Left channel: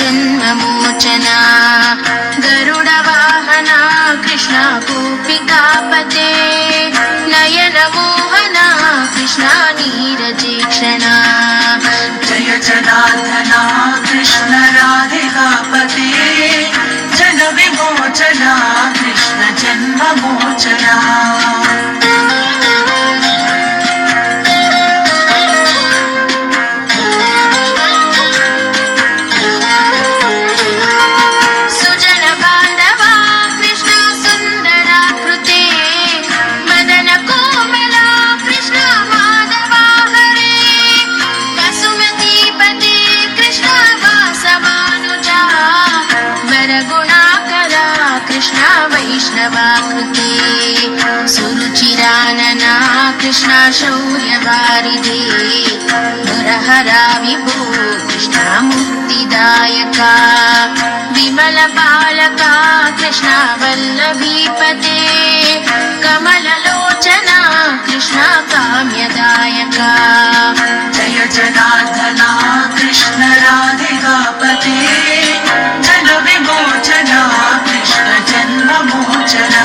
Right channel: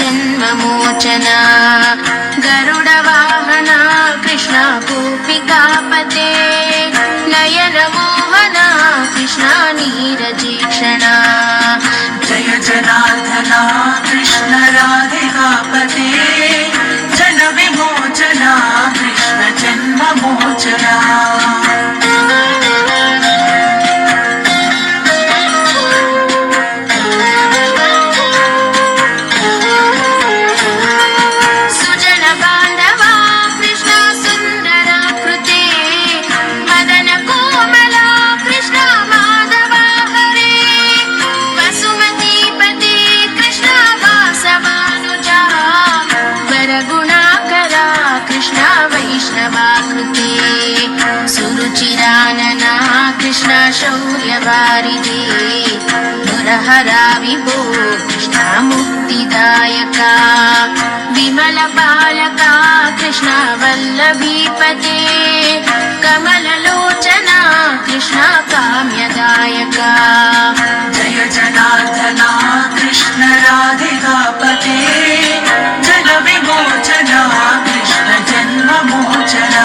जन्ममोचना गरुडवाहना कृष्णा गोपिकापते नयनमोहना कृष्णा नीरजेक्षणा जय जनार्दना कृष्ण राधिकापते जन विमोचना कृष्ण जन्ममोचना सुजन बांधवा कृष्णा सुंदराकृते मदन कोमला कृष्णा माधवा हरे वसुमतीपते कृष्णा वासवानुजा वरगुणाकरा कृष्णा वैष्णवाकृते सुरुचिरानना कृष्णा शौर्यवारिधे मुरहरा विभो कृष्णा मुक्तिदायका विमलपालका कृष्णा वल्लभीपते कमललोचना कृष्णा काम्यदायका जय जनार्दना कृष्ण राधिकापते जन विमोचना कृष्ण जन्ममोचना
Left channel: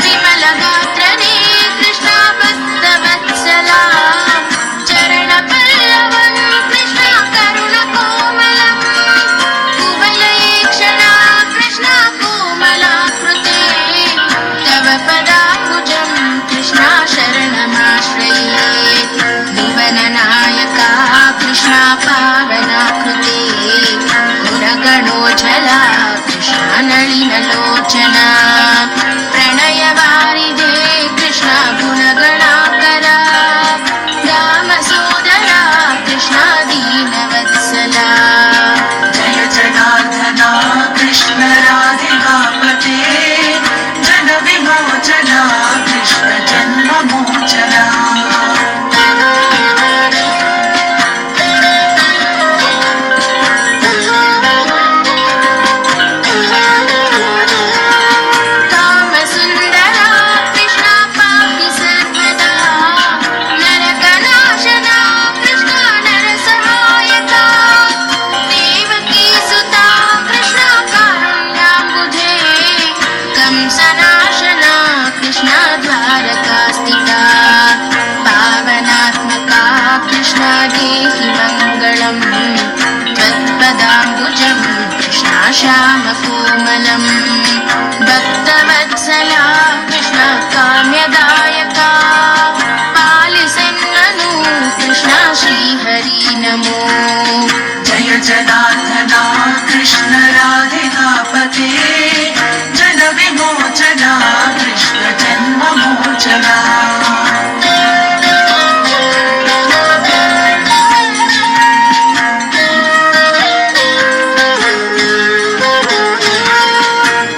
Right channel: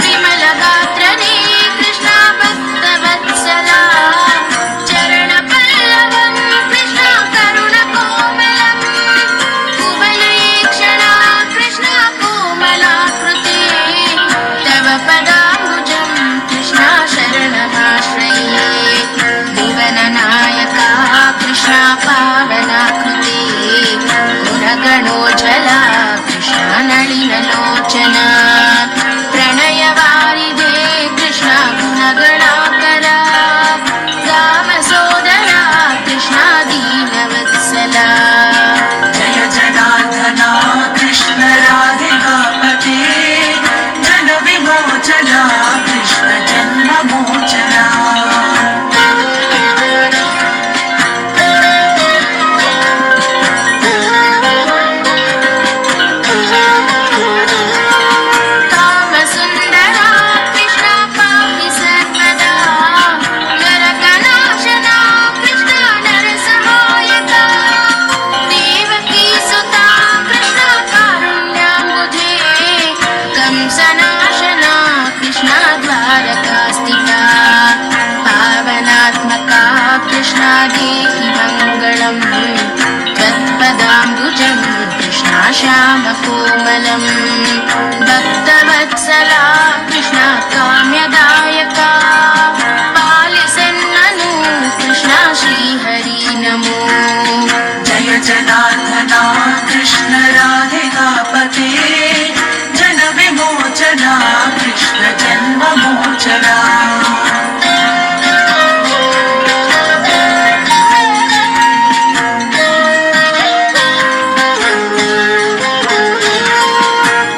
विमलगात्रने कृष्णा भक्तवत्सला चरणपल्लवं कृष्णा करुणकोमलम् कुवलयेक्षणा कृष्णा कोमलाकृते तव पदाम्बुजं कृष्णा शरणमाश्रये भुवननायका कृष्णा पावनाकृते पुरगणोज्ज्वला कृष्णा नलिनलोचना प्रणयवारिधे कृष्णा गुणगणाकरा रामसोदरा कृष्णा दीनवत्सला जय जनार्दना कृष्ण राधिकापते जन विमोचना कृष्ण जन्ममोचना कामसुन्दरा कृष्णा पाहि सर्वदा नरकनाशना कृष्णा नरसहायका देवकीसुता कृष्णा कारुण्याम्बुजे कंसनाशना कृष्णा द्वारकास्तिका पावनात्मका कृष्णा देहि मङ्गलम् त्वत्पदाम्बुजं कृष्णा श्यामकोमलम् भक्तवत्सला कृष्णा काम्यदायका पालिसन्ननु कृष्णा श्रीहरि नमो जय जनार्दना कृष्ण राधिकापते जन विमोचना कृष्ण जन्ममोचना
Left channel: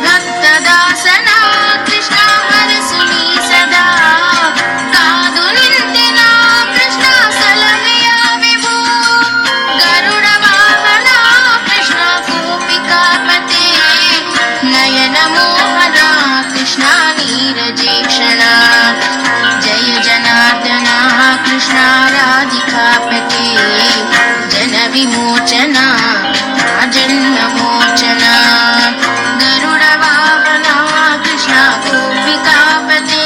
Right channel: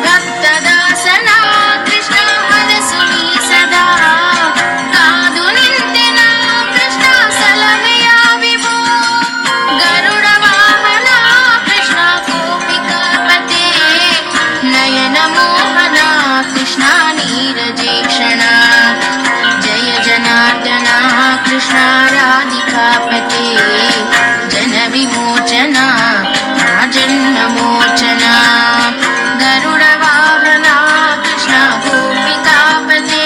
ಭಕ್ತದಾಸನ ಕೃಷ್ಣ ಹರಸುನಿ ಸದಾ ಕಾದು ನಿಂತಿನ ಕೃಷ್ಣ ಸಲಮೆಯ ವಿಭೋ ಗರುಡ ವಾಹನ ಕೃಷ್ಣ ಗೋಪಿಕಾಪತೆ ನಯನ ಮೋಹನ ಕೃಷ್ಣ ನೀರಜೇಕ್ಷಣ ಜಯ ಜನಾರ್ದನ ಕೃಷ್ಣ ರಾಧಿಕಾಪತೆ ಜನ ವಿಮೋಚನ ಜನ್ಮಮೋಚನ ಗರುಡ ವಾಹನ ಕೃಷ್ಣ ಗೋಪಿಕಾಪತೆ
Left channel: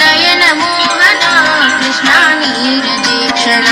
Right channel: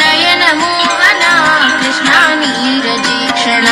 ನಯನ ಮೋಹನ ಕೃಷ್ಣ ನೀರಜೇಕ್ಷಣ